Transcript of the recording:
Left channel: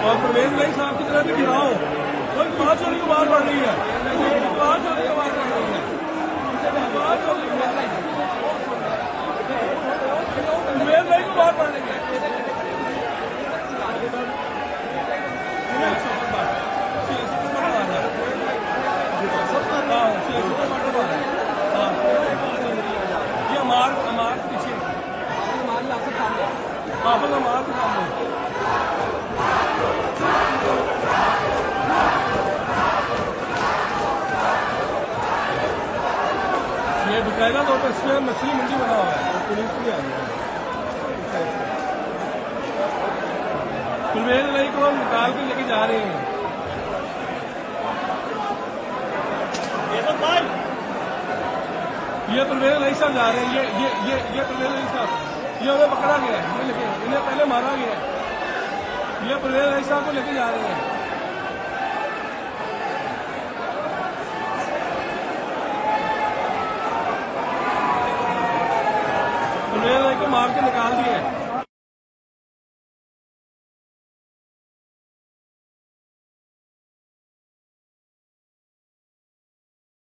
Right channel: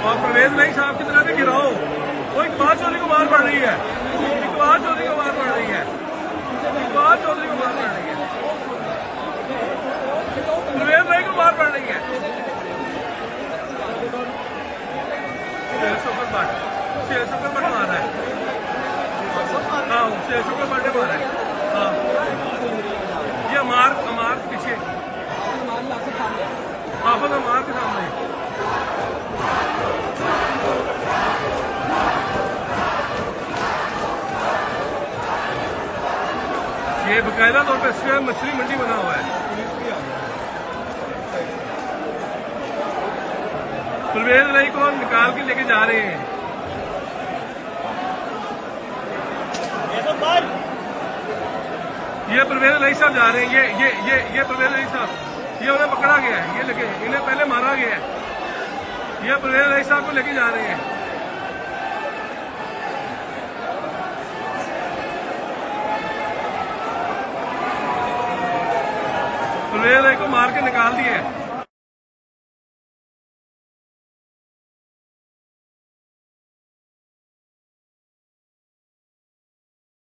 और परवेज लाई साहब की तरफ भी गिराओ। वो इकबाल चौधरी को मार पड़ रही है, इकबाल चौधरी को मार पड़ रही है, इकबाल चौधरी को मार पड़ रही है, परवेज लाई को मार पड़ रही है। सुपर मार रहा है, हाँ सुपर मारने मार रहा है, हाँ ये अमार पीछे, हाँ पर अमार के सामने। ये बकायदा तौर पर इसमें मछली मंडी बना हुआ है। परवेज लाई को निकाल के लेके जा रहे हैं। ये परवेज लाई साहब जा रहे हैं, ये परवेज लाई साहब, ये उन्हें पकड़ा गया है, ये लेके इन्हें पहले मारा गया है। ये परवेज लाई साहब को लेके जा रहे हैं। परवेज लाई को मार के निकाल दिए।